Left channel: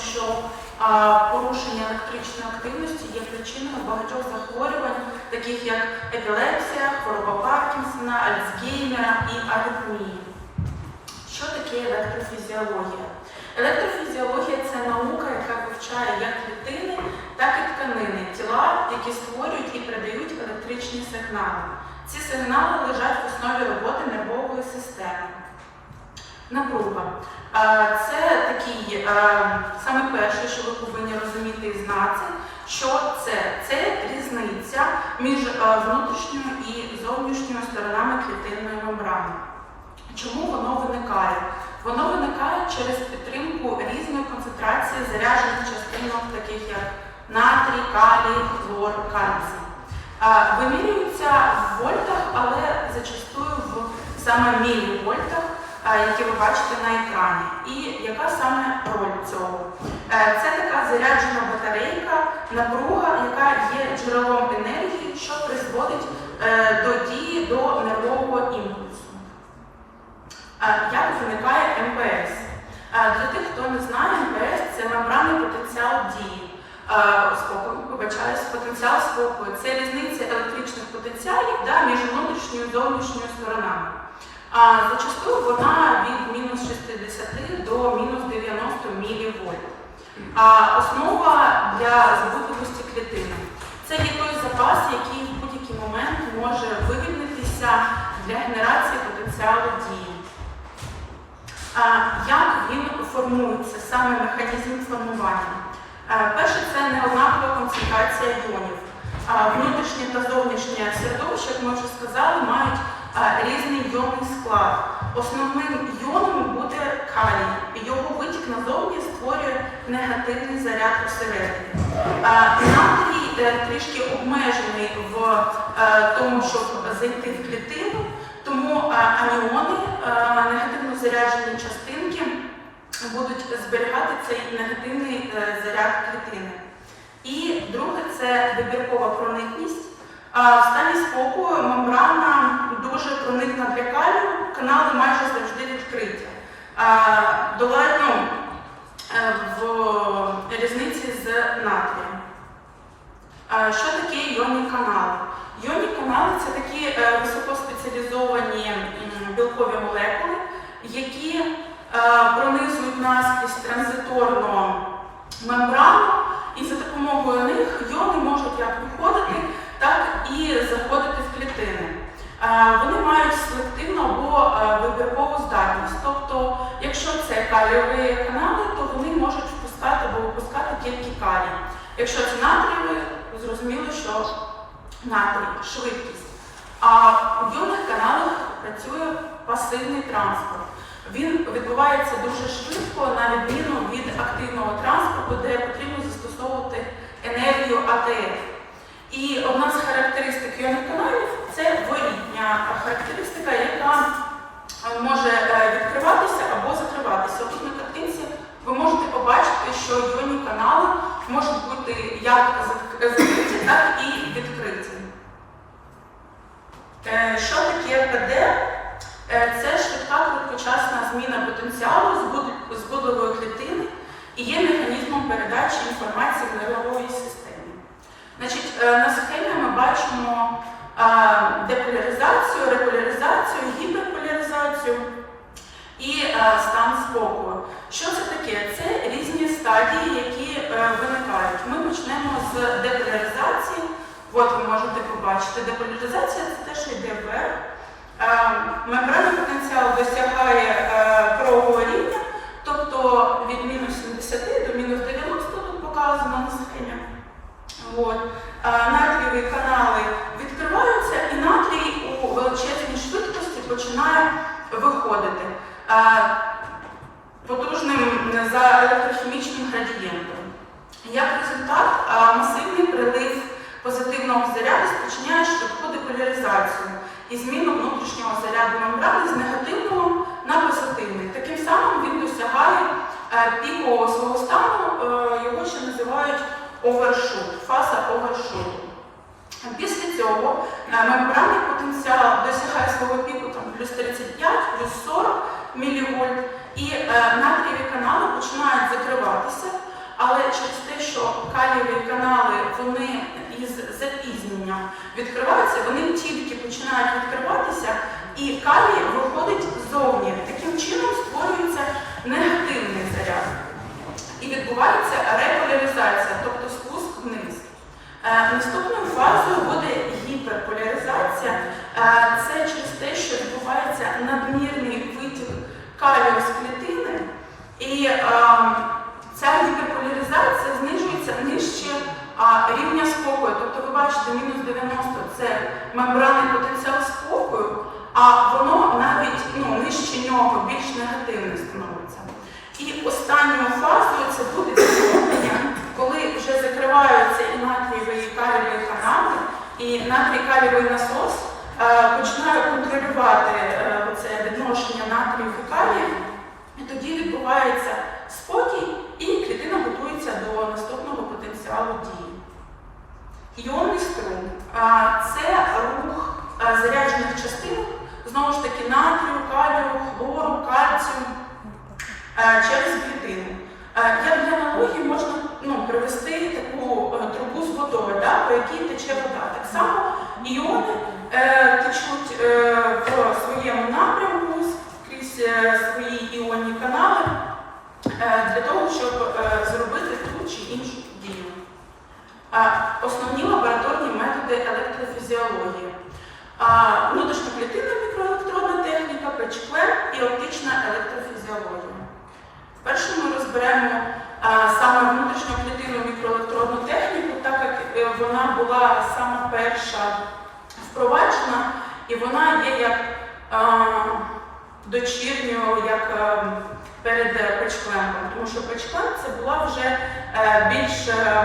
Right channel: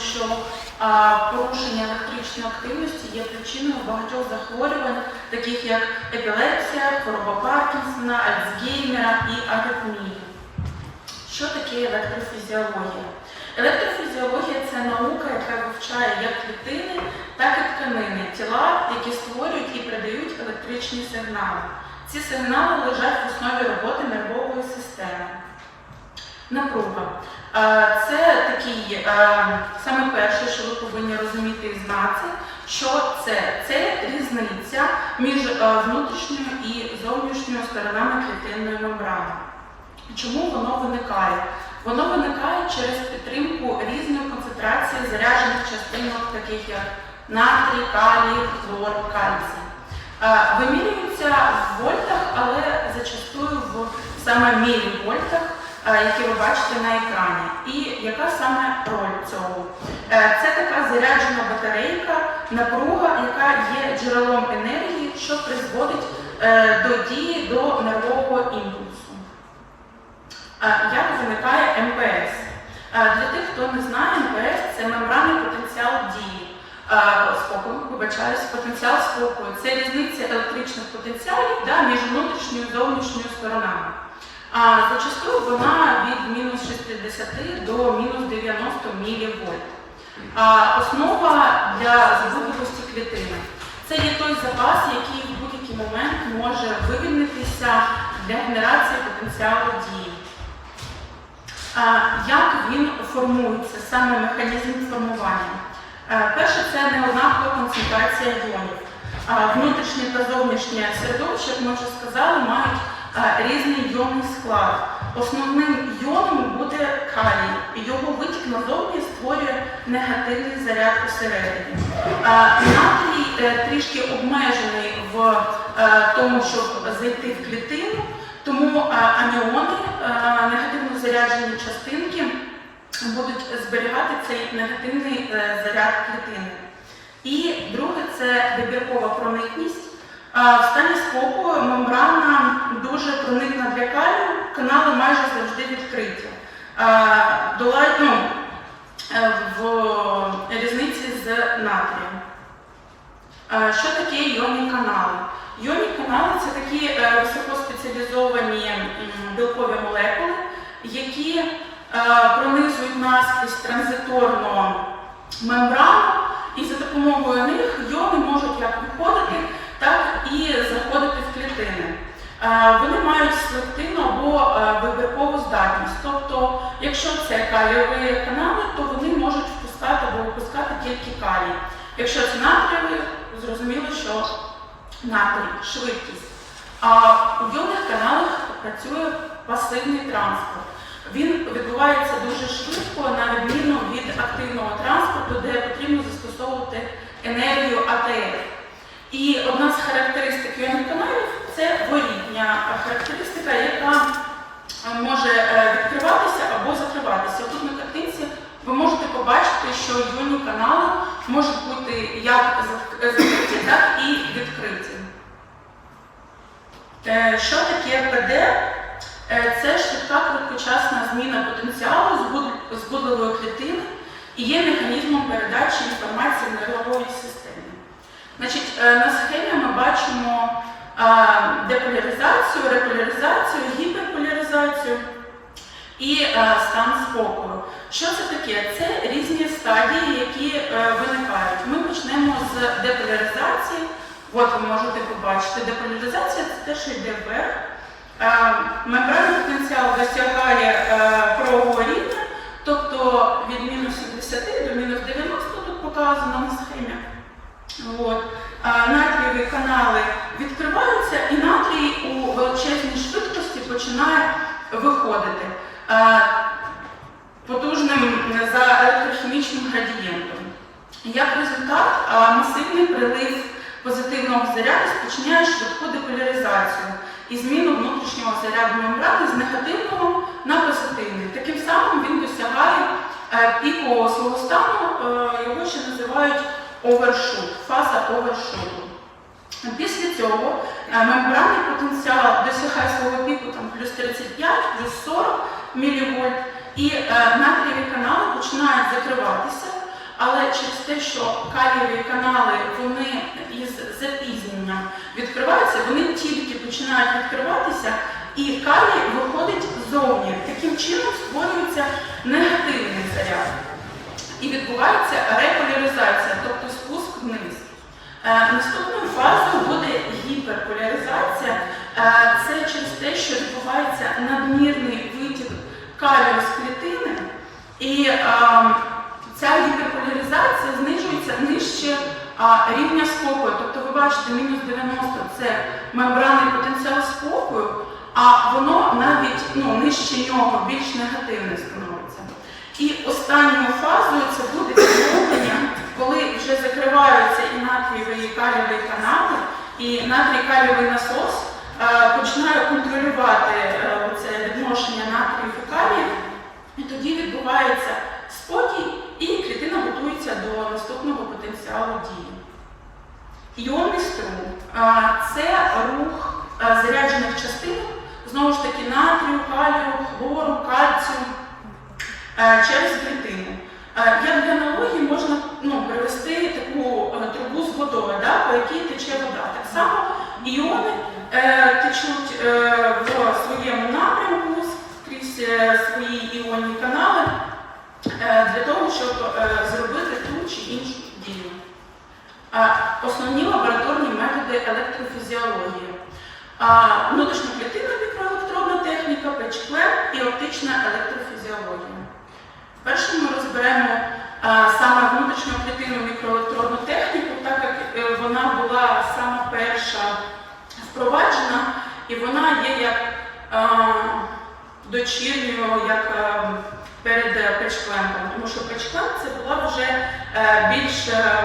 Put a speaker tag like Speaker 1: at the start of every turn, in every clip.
Speaker 1: що порушення електричної активності є причиною багатьох захворювань, таких як епілепсія, хвороба Паркінсона, Альцгеймера і аритмія. Що таке електрофізіологія? Електрофізіологія це наука, яка вивчає як клітини, так і тканини, тіла, які створюють і передають електричні сигнали. Ці сигнали лежать в основі роботи нервової системи. Напруга. Це такий, е, саме перше, що ви повинні розуміти і знати, що це? Це різниця між е, внутрішньою і зовнішньою сторонами клітинної мембрани. Чому воно виникає? Воно виникає через підтримку різної концентрації заряджених частинок, таких як натрій, калій, хлор, кальцій. Е, Вимірюються в вольтах, але зачастую в саме мілівольтах, які ви бачите на екрані. І яка саме роль цього? Е, Це така заряджена батарейка, напруга, яка є джерелом енергії, що призводить е, до дії до нервового імпульсу. Е, Як виникає МПС? Е, Для тих, хто не знає, МПС це мембранний потенціал дії. Е, Спокою, вибачаюсь, потенціал спокою. Це різниця електричних потенціалів да, між внутрішньою і зовнішньою сторонами. Зачастую вона від мінус 60 до мінус 90 мілівольт. Основа для збудливості клітини. Це є той запас, який в будь-який момент може вивільнитися для генерації потенціалу дії. Як він формується, саме механізм формування? Е, Перше, це неоднакова концентрація йонів. А, Внутрішнє та зовнішнє середовище, як ми вже сказали, мають різний йонний склад. Основним йоном буде калій. Його витік назовні створює негативний заряд усередині. Натрій е, трішки обмежений в е, тому, щоб зайти в клітину, тому е, негативно заряджені частинки, будуть зберігати цей негативний заряд клітини. І друге це вибіркова проникність. В стані спокою мембрана дуже проникна для калію, канали майже завжди відкриті. Е, ну, в різниці з натрієм. Що таке іонні канали? Іонні канали це такі е, високоспеціалізовані білкові молекули, які е, пронизують наскрізь транзиторну мембрану, і за допомогою них іони можуть як виходити, так і заходити в клітини. Вони мають селективну або вибіркову здатність. Тобто, якщо це калієві канали, то вони можуть впускати або випускати тільки калій. Якщо це натрієві, зрозуміло, що натрій, швидкість. А у йонних каналах працює пасивний транспорт. Він відбувається дуже швидко, на відміну від активного транспорту, де потрібно застосовувати енергію АТФ. І одна з характеристик іонних каналів це ворітня характеристика, яка е, може е, відкриватися або закриватися. Тут на картинці ви можете побачити, що іонні канали можуть бути як закриті, так і відкриті. Е, Що таке ПД? Це швидка короткочасна зміна потенціалу збуд- збудливої клітини і є механізмом передачі інформації в нервовій системі. Е, на схемі ми бачимо е, деполяризацію, реполяризацію, гіперполяризацію і е, стан спокою. Що це таке? Це різні стадії, які виникають. Ми почнемо з деполяризації. От ви можете побачити, деполяризація це те, що йде вверх. Мембранний потенціал досягає правого рівня, тобто від мінус 70 до мінус 90 тут показано на схемі. От. Е, Натрієві канали відкриваються, і натрій у величезній швидкості починає виходити е, потужним за електрохімічним градієнтом. Як результат, е, масивний прилив позитивного заряду спричиняє швидку деполяризацію і зміну внутрішнього заряду мембрани з негативного на позитивний. Таким самим він досягає е, пікового свого стану, е, його ще називають овершут, фаза овершуту. Після цього е, мембранний потенціал досягає свого піку там, плюс 35, плюс 40, мілівольт, і е, натрієві канали починають закриватися, але через те, що калієві канали вони із запізненням відкриваються, вони тільки починають відкриватися, і калій виходить ззовні. Таким чином створюється негативний заряд. І відбувається реполяризація, тобто спуск вниз. Е, Наступною фазою буде гіперполяризація. Е, Це через те, що відбувається надмірний витік калію з клітини, і е, ця гіперполяризація знижується нижче рівня спокою. Тобто ви бачите, мінус 90 це мембранний потенціал спокою, а воно навіть ну, нижче нього більш негативне становиться. І останньою фазою це буде відновлення, коли вже закриваються і натрієві і калієві канали, і натрій калієвий насос е, починає контролювати е, це відношення натрію і калію, і тоді відбувається спокій, і клітина готується до наступного потенціалу дії. Іонний струм це рух заряджених частин, знову ж таки, натрію, калію, хлору, кальцію через клітину. Як для аналогії можна ну, привести таку е, трубу з водою, да, по якій тече вода. Так само іони е, течуть е, в своєму напрямку крізь е, свої іонні канали е, для того, щоб е, зробити ту чи іншу дію. Основні лабораторні методи електрофізіології. А, Внутрішньоклітинна мікроелектронна техніка, печклен і оптична електрофізіологія. Перше ми розберемо а, саме внутрішньоклітинну мікроелектронну техніку, так як е, вона була сама перша впроваджена, і вона є як а, дочірньою, як е, перед е, печкленком, тому що печклен це була вже е, більш е,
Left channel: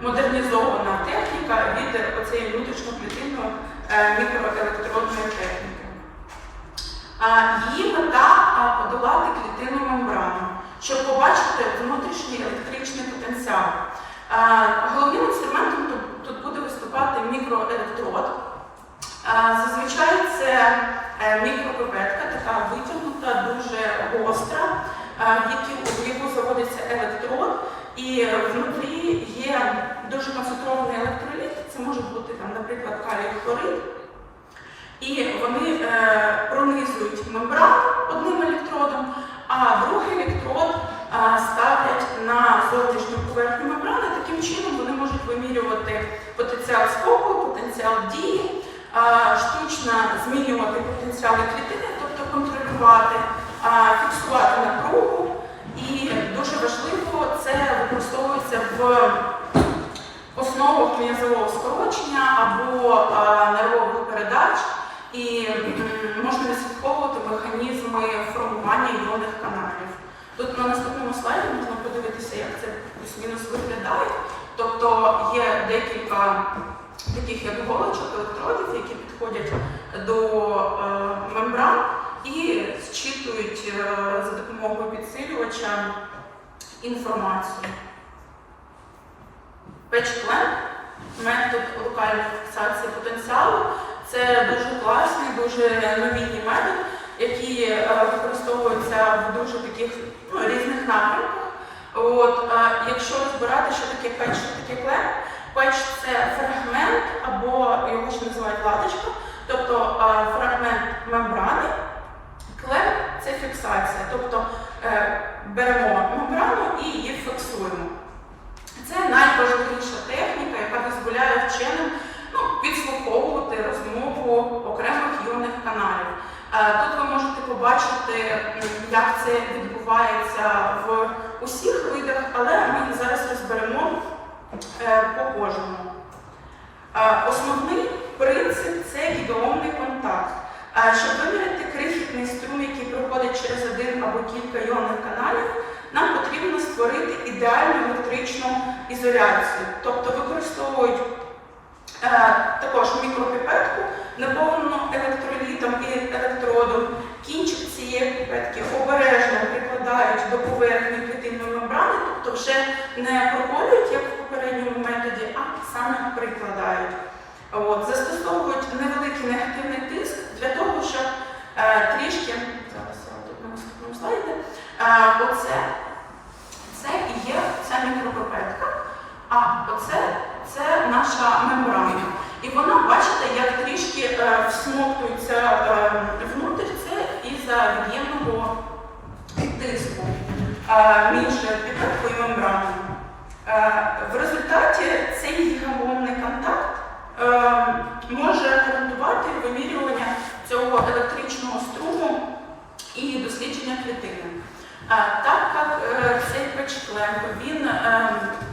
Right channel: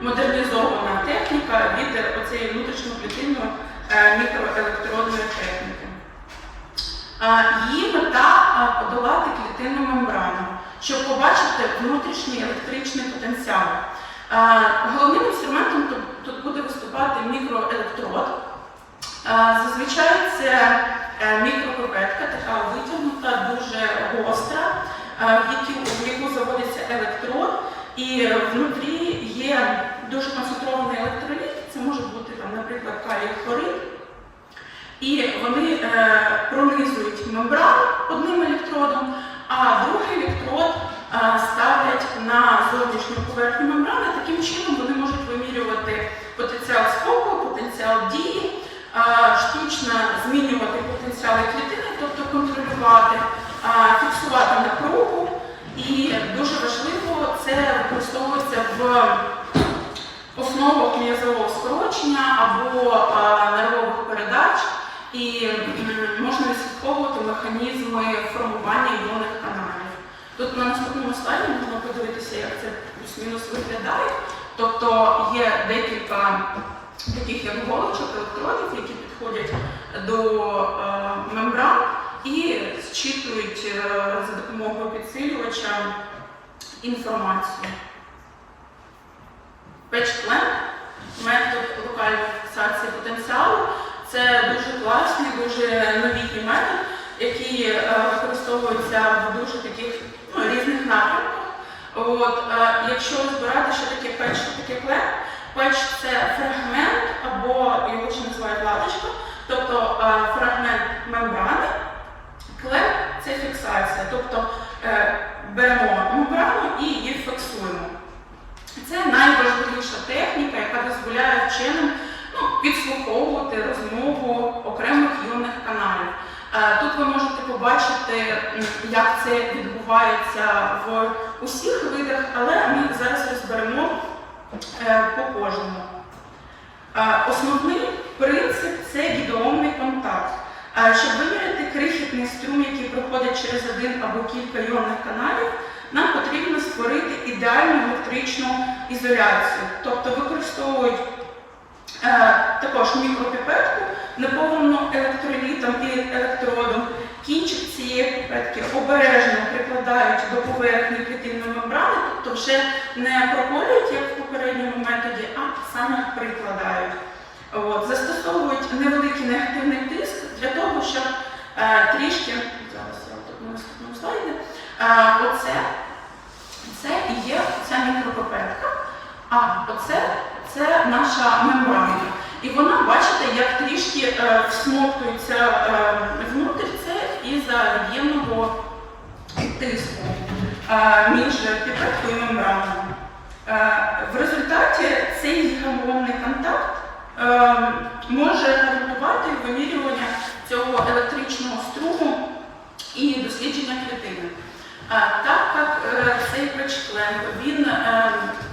Speaker 1: модернізована техніка від оцієї внутрішньоклітинної е, мікроелектронної техніки. Її мета подолати клітинну мембрану, щоб побачити внутрішній електричний потенціал. Головним інструментом тут, буде виступати мікроелектрод. Зазвичай це е, мікропипетка, така витягнута, дуже гостра, в яку заводиться електрод, і внутрі є дуже концентрований електроліт, це може бути, там, наприклад, калій хлорид. І вони е, пронизують мембрану одним електродом, а другий електрод е, ставлять на зовнішню поверхню мембрани. Таким чином вони можуть вимірювати потенціал спокою, потенціал дії, е, штучно змінювати потенціали клітини, тобто контролювати, фіксувати напругу. І дуже важливо це використовується в основах м'язового скорочення або нервових передач. І можна відслідковувати механізми формування іонних каналів. Тут на наступному слайді можна подивитися, як це плюс-мінус виглядає. Тобто є декілька таких як голочок, електродів, які підходять до е, мембран і зчитують е, за допомогою підсилювача інформацію. Печплен, метод локальної фіксації потенціалу. Це дуже класний, дуже новітній метод, який е, використовується в дуже таких ну, різних напрямках. От, е, якщо розбирати, що таке печ, що таке клен, печ це фрагмент або його ще називають латочка, тобто е, фрагмент мембрани, клен це фіксація, тобто беремо мембрану і її фіксуємо. Це найважливіша техніка, яка дозволяє вченим ну, розмову окремих іонних каналів. Е, Тут ви можете побачити, як це відбувається в усіх видах, але ми зараз розберемо е, по кожному. Е, Основний принцип це гідеомний контакт. Щоб виміряти крихітний струм, який проходить через один або кілька іонних каналів, нам потрібно створити ідеальну електричну ізоляцію. Тобто використовують також мікропіпетку, наповнену електролітом і електродом. Кінчик цієї піпетки обережно прикладають до поверхні клітинної мембрани, тобто вже не проколюють, як в попередньому методі, а саме прикладають. От, застосовують невеликий негативний тиск для того, щоб е, трішки я тут оце це і є ця мікропипетка, а оце це наша мембрана. І вона, бачите, як трішки е, всмоктується е, внутрь, це із-за від'ємного тиску е, між і мембраною. В результаті цей гігамовний контакт може гарантувати вимірювання цього електричного струму і дослідження клітини. Так як цей печклемп він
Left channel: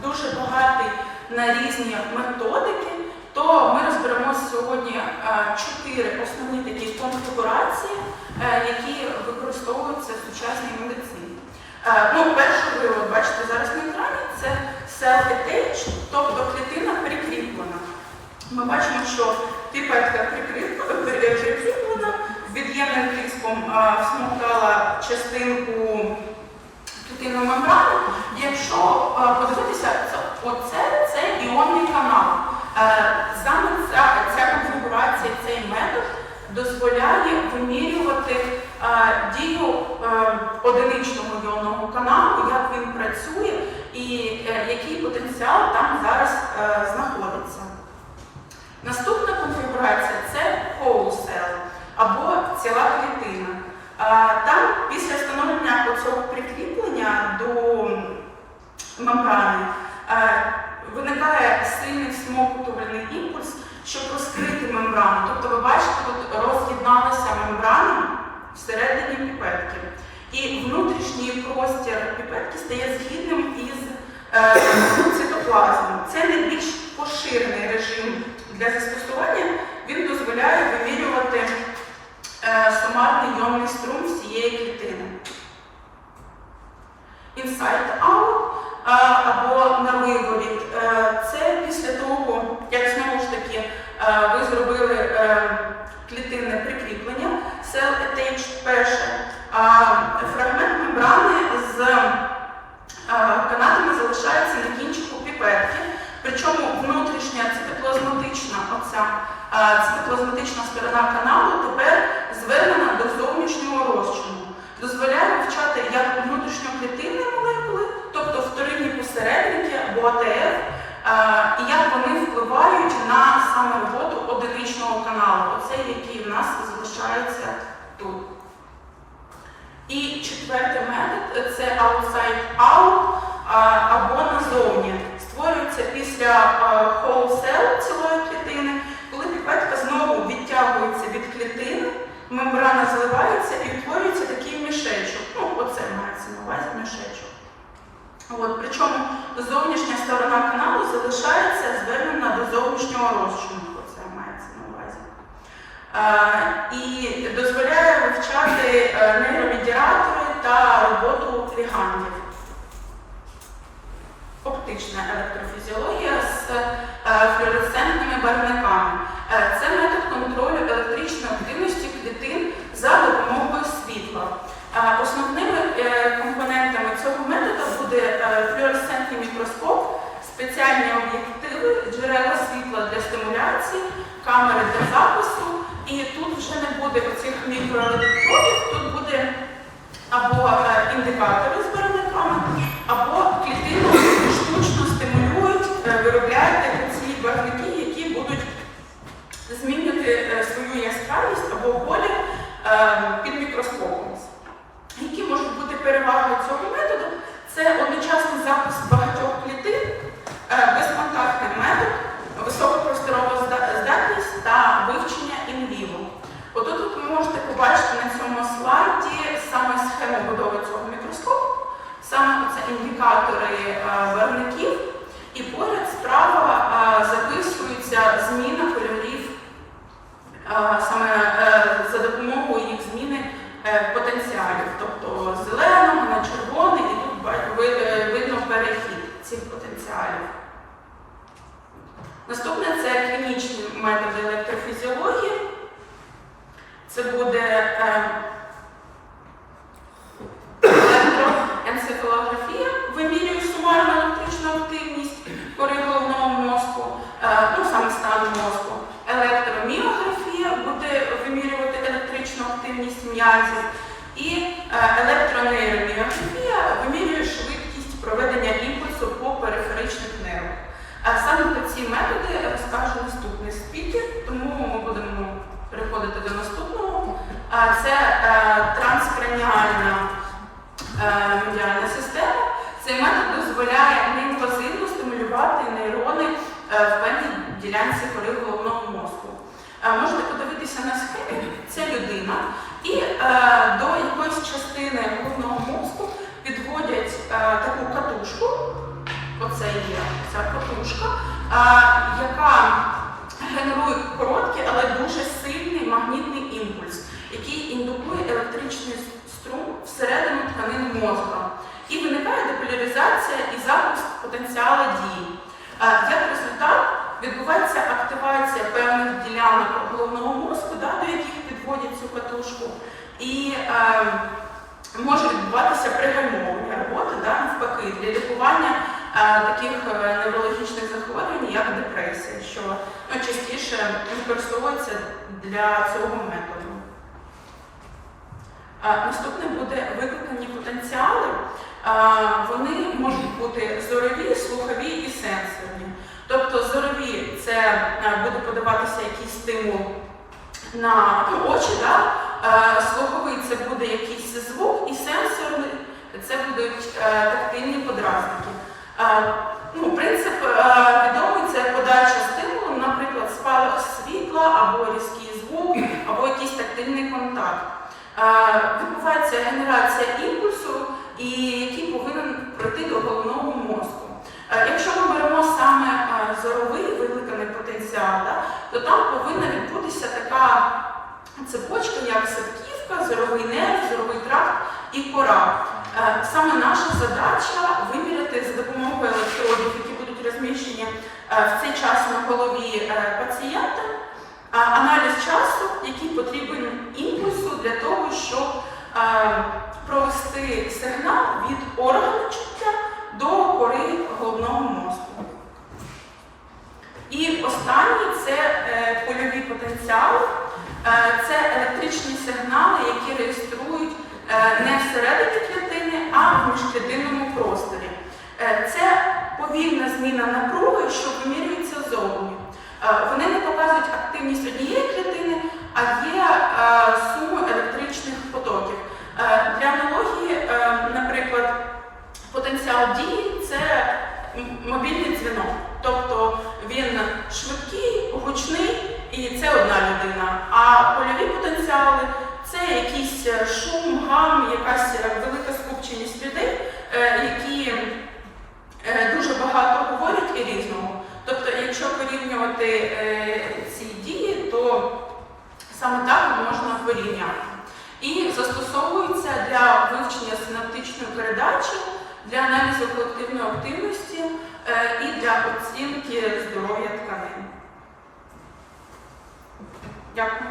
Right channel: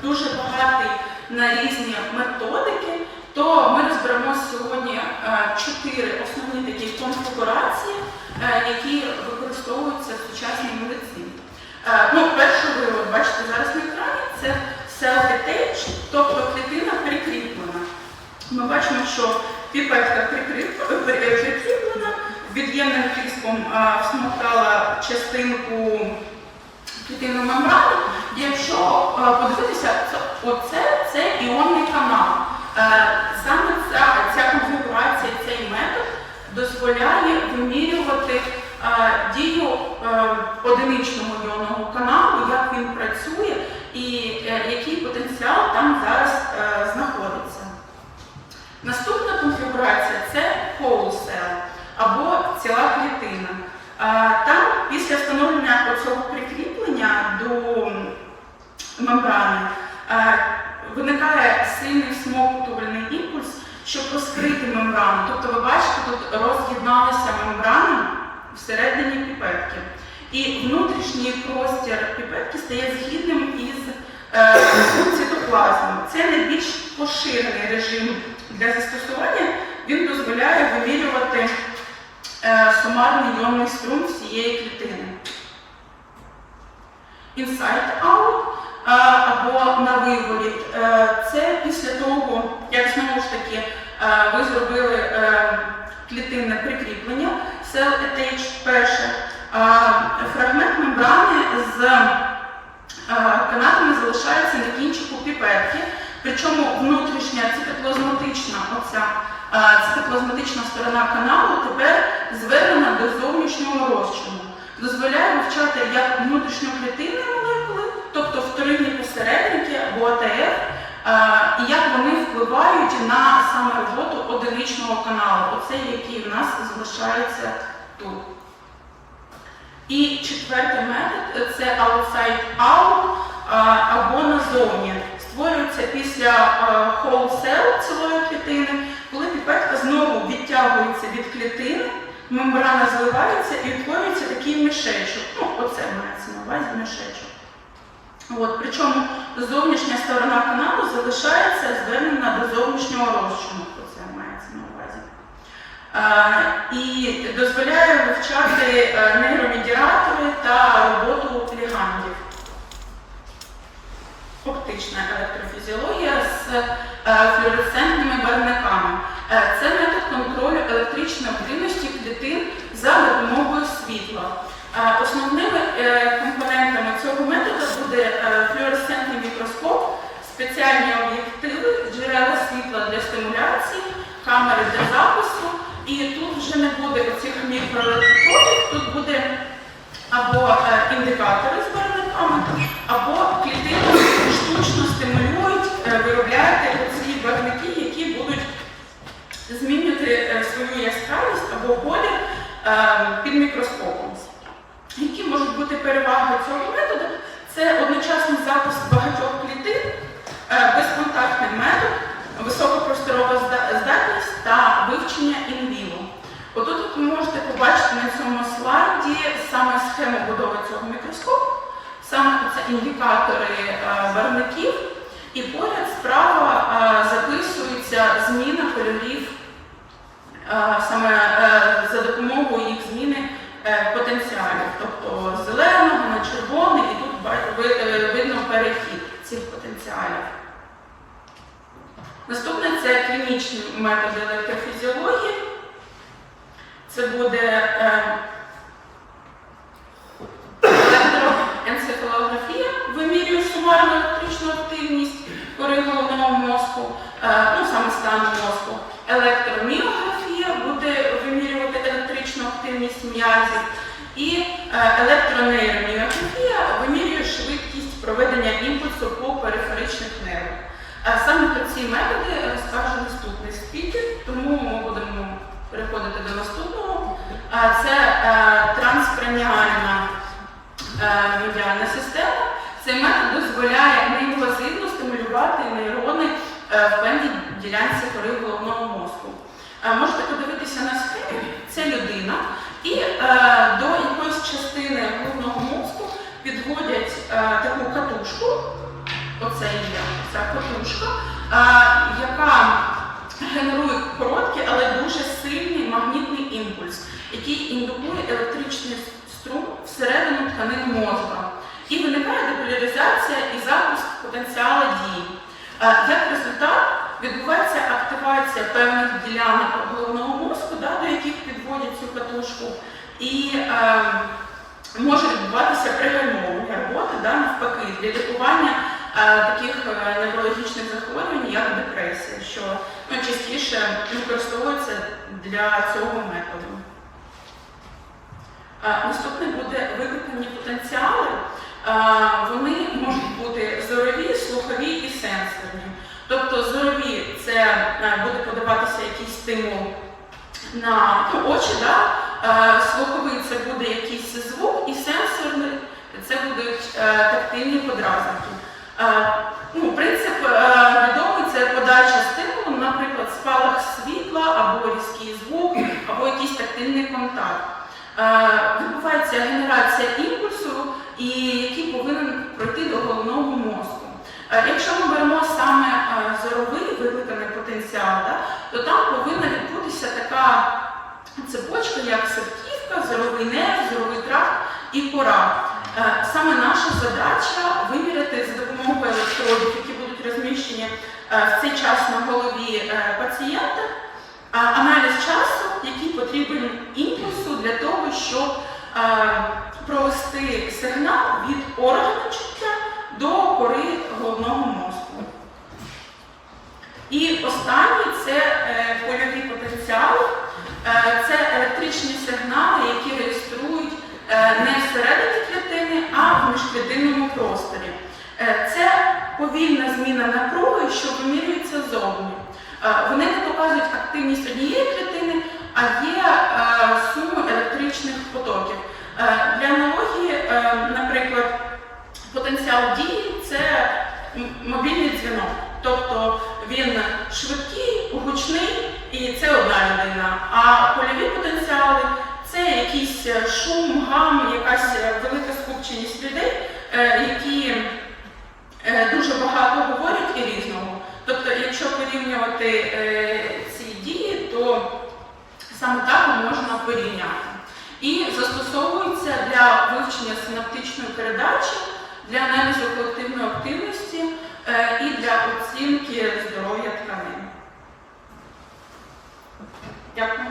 Speaker 1: дуже багатий на різні методики, то ми розберемо сьогодні е, чотири основні такі конфігурації, е, які використовуються в сучасній медицині. Е, Ну, першу ви бачите зараз на екрані, це cell attached, тобто клітина прикріплена. Ми бачимо, що піпетка прикріплена, від'ємним тиском всмоктала частинку клітинної мембрани. Якщо подивитися, це, оце це іонний канал. Е, Саме ця, ця конфігурація, цей метод дозволяє вимірювати е, дію е, одиничного іонного каналу, як він працює і який потенціал там зараз знаходиться. Наступна конфігурація це whole cell або ціла клітина. Там після встановлення цього прикріплення до мембрани виникає сильний всмоктувальний імпульс, щоб розкрити мембрану. Тобто ви бачите, тут роз'єдналася мембрана всередині піпетки. І внутрішній простір піпетки стає згідним із е, цитоплазмом. Це найбільш поширений режим для застосування. Він дозволяє вимірювати е, сумарний йомний струм всієї клітини. Inside-out е, або на виворіт. Е, Це після того, як знову ж таки е, ви зробили е, клітинне прикріплення, cell attached перше, фрагмент мембрани з е, канатами залишається на кінчику піпетки, причому внутрішня цитоплазматична оця цитоплазматична сторона каналу тепер звернена до зовнішнього розчину. Дозволяє вивчати як внутрішньоклітинні молекули, тобто вторинні посередники або АТФ, і як вони впливають на саме роботу одиничного каналу, оцей, який в нас залишається тут. І четвертий метод це outside-out або назовні. Створюється після whole cell цілої клітини, коли піпетка знову відтягується від клітини, мембрана зливається і утворюється такий мішечок. Ну, оце мається на увазі мішечок. От, причому зовнішня сторона каналу залишається звернена до зовнішнього розчину. Оце мається на увазі. Е, і дозволяє вивчати е, нейромедіатори та роботу лігандів. Оптична електрофізіологія з е, флюоресцентними барвниками. Е, Це метод контролю електричної активності клітин за допомогою світла. Основними е, компонентами цього методу буде е, флюоресцентний мікроскоп, спеціальні об'єктиви, джерела світла для стимуляції, камери для запису. І тут вже не буде оцих мікроелектродів, тут буде або е, індикатори з барвниками, або клітину штучно стимулюють, виробляти оці барвники, які будуть змінювати свою яскравість або колір під мікроскопом. Переваги цього методу? Це одночасний запис багатьох клітин, е, безконтактний метод, високопросторова здатність та вивчення інвіво. Отут от ви можете побачити на цьому слайді саме схему будови цього мікроскопу, саме це індикатори е, барвників, і поряд справа е, записується зміна кольорів саме е, за допомогою їх зміни е, потенціалів, тобто з зеленого на червоний, і тут ба- ви- е, видно перехід цих потенціалів. Наступне це клінічні методи електрофізіології. Це буде е, електроенцефалографія, вимірює сумарну електричну активність кори головного мозку, е, ну саме стан мозку. Електроміографія буде вимірювати електричну активність м'язів. І е, електронейроміографія проведення імпульсу по периферичних нервах. Саме про ці методи розкаже наступний Це е, транскраніальна е, медіальна система. Цей метод дозволяє неінвазивно стимулювати нейрони е, в певній ділянці кори головного мозку. Е, Можете подивитися на схемі, це людина, і до якоїсь частини головного мозку підводять таку катушку, оце є ця катушка, яка генерує короткий, але дуже сильний магнітний імпульс, який індукує електричний струм всередину тканин мозка. І виникає деполяризація і запуск потенціалу дії. Е, Як результат відбувається активація певних ділянок головного мозку, да, до яких підводять цю катушку, і е, може відбуватися пригальмовування роботи да, навпаки для лікування таких е, неврологічних захворювань, як депресія, що ну, частіше використовується для цього методу. Наступне буде викликані потенціали. Вони можуть бути зорові, слухові і сенсорні. Тобто зорові це е, буде подаватися якийсь стимул на ну, очі, да? Слуховий це буде якийсь звук, і сенсорний це будуть е, тактильні подразники. Е, Ну, принцип е, відомий це подача стимулу, наприклад, спалах світла або різкий звук, або якийсь тактильний контакт. Е, Відбувається генерація імпульсу, і який повинен пройти до головного мозку. Якщо ми беремо саме зоровий викликаний потенціал, то там повинна відбутися така цепочка, як септівка, зоровий нерв, зоровий тракт і кора. Саме наша задача виміряти за допомогою електродів, які будуть розміщені е, в цей час на голові е, пацієнта, аналіз часу, який потрібен імпульсу для того, щоб е, провести сигнал від органу чуття до кори головного мозку. І останній це польові потенціали. Це електричні сигнали, які реєструють не всередині клітини, а в міжклітинному просторі. Е, Це повільна зміна напруги, що вимірюється зовні. Е, Вони не показують активність однієї клітини, а є е, суму електричних потоків. Для аналогії, наприклад, потенціал дії це мобільний дзвінок. Тобто він швидкий, гучний і це одна людина. А польові потенціали це якийсь шум, гам, якась велика скупченість людей, які дуже багато говорять і різного. Тобто, якщо порівнювати е, ці дії, то саме так можна порівняти. І застосовується для вивчення синаптичної передачі, для аналізу колективної активності е, і для оцінки здоров'я тканин. Дякую.